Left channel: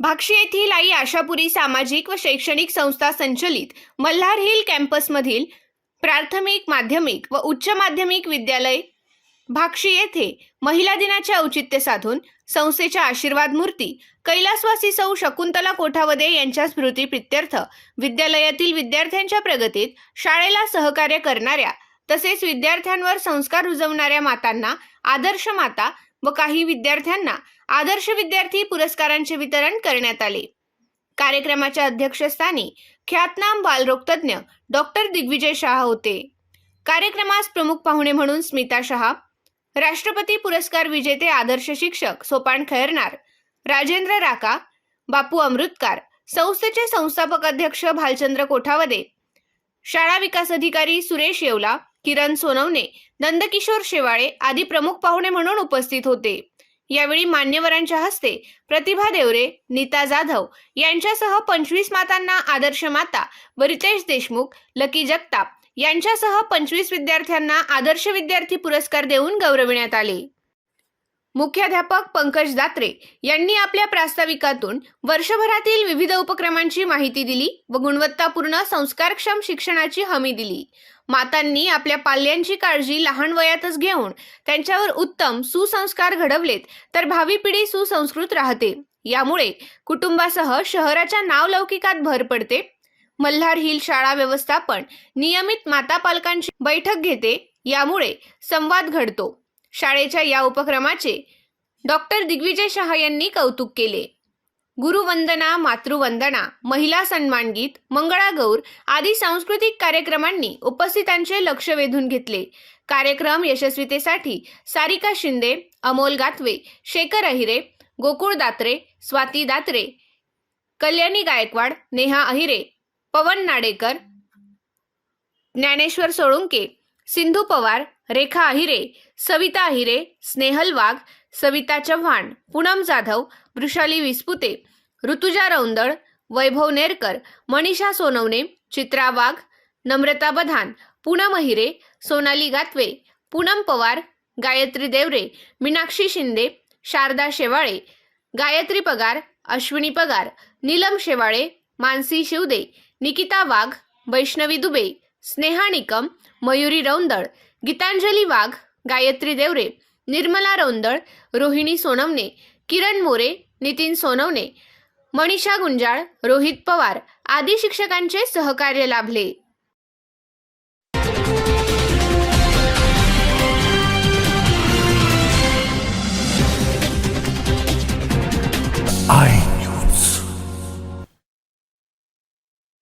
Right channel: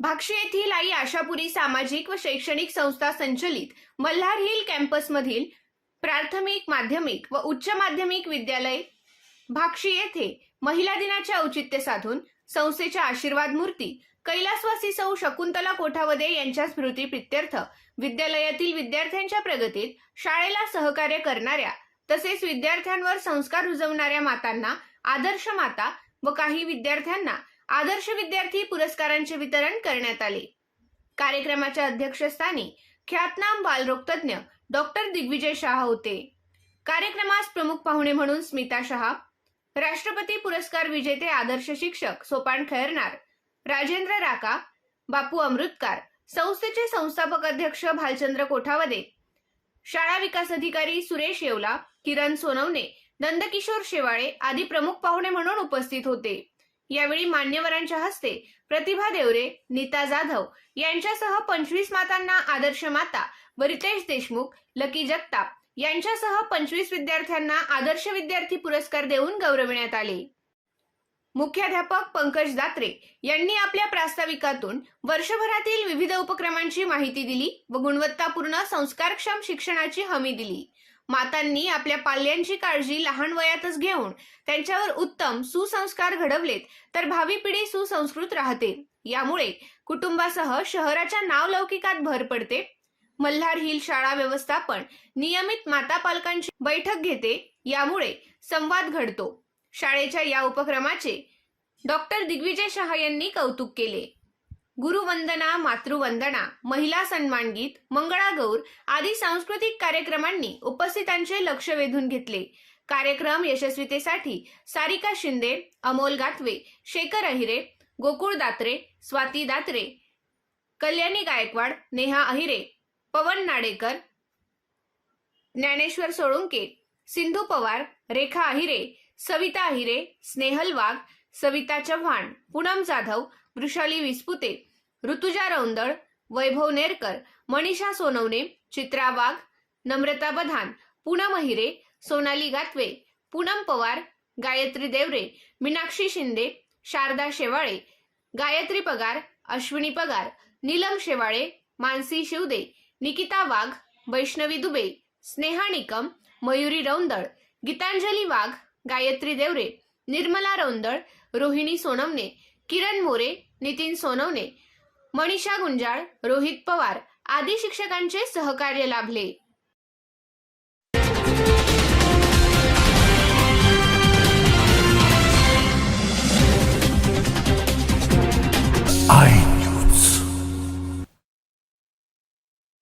भाक्षी येथील आई आशापुरी सामाजिक व शैक्षणिक संस्था संचलित मल्हार हिल कॅम्पसमधील प्राथमिक माध्यमिक व उच्च माध्यमिक विद्यालय भाक्षी येथे महिला दिनाचे औचित्य साधून संस्थेच्या आशीर्वाद मूर्ती कैलासवासी सौ शकुंतला कोठावदे यांच्या स्मृती प्रित्यर्थ विद्यालयातील विद्यार्थ्यांच्या प्रगतीत शाळेला सहकार्य करणाऱ्या तसेच विद्यार्थ्यांवर संस्कार रुजवणाऱ्या मातांना आदर्श माता व काही विद्यार्थ्यांना आदर्श विद्यार्थी पुरस्कारांचे वितरण करण्यात आले. कार्यक्रमाच्या अध्यक्षस्थानी ख्यातनाम बालरोगतज्ञ डॉक्टर दिग्विजय शहा होते. कार्यक्रमास प्रमुख पाहुणे म्हणून स्मिता शहा राष्ट्रपती पुरस्कार विजेते आदर्श शिक्षक सोपान खैरनार राजेंद्र राका बापू अमृतकार संस्थेचे संस्थापक अध्यक्ष भालचंद्र कोठावदे शाळा विकास अधिकारी सुरेश येवला किरण सोनवणे नंदकिशोर शेवाळे आदी प्रमुख पाहुणे म्हणून उपस्थित होते. यावेळी मान्यवरांच्या हस्ते प्रतिभा देवरे नीता जाधव यांच्यासह पंचवीस मातांना आदर्श माता व रितेश देशमुख लकी जगताप यांच्यासह पंचवीस विद्यार्थ्यांना आदर्श विद्यार्थी पुरस्कार देऊन गौरविण्यात आले. मुख्याध्यापक पंकज दात्रे यांनी आपल्या प्रास्ताविकातून वर्षभरातील विविध उपक्रमांची माहिती दिली व गुणवत्तापूर्ण संस्कारक्षम शिक्षणाची हमी दिली. मातांनी आपल्या पाल्यांची काळजी लहान वयातच घेऊन त्यांच्यावर उत्तम सुसंस्कार घडवलेत तर भावी पिढी सुसंस्कृत राहते. यामुळे कुटुंबासह शहराच्या नावलौकिकात भर पडते. मल्हार हिल शाळा व्यवस्थापन नियमित माता पालकांची बैठक घेते. यामुळे संवाद घडतो. शाळेच्या या उपक्रमाचे डॉक्टर दिग्विजय शहा यांनी कौतुक केले. गुरुवंदना मातृवंदना महिला सन्मान गीत मंगळागौर आदी सांस्कृतिक कार्यक्रमांनी उपस्थितांचे लक्ष वेधून घेतले. कार्यक्रम यशस्वीतेसाठी सारिका शिंदे अमोल गातवे शेखर अहिरे गोकुळ दात्रे स्वाती दात्रे कल्याणी गायकवाड नेहा अहिरे पवन नाडेकर ज्ञानेश्वर सोळुंके सिंधू पवार रेखा अहिरे सविता अहिरे स्नेहल वाघ सविता चव्हाण पूनम जाधव वृषाली विस्पुते ऋतुजा रौंदळ वैभव नेरकर मनीषा सोनवणे चित्रा वाघ नम्रता बधान पूनम अहिरे सोनाली गातवे पूनम पवार गायत्री देवरे मीनाक्षी शिंदे शारदा शेवाळे गायत्री पगार अश्विनी पगार नीलम शेवाळे मानसी शिवदे निकिता वाघ वैष्णवी दुबे स्नेहा निकम मयुरी रौंदळ गीतांजली वाघ गायत्री देवरे निर्मला रौंदळ रोहिणी सोनवणे किरण मोरे नितीन सोनवणे मनीषा गुंजाळ रोहित पवार आदी शिक्षकांचे सहकार्य लाभले.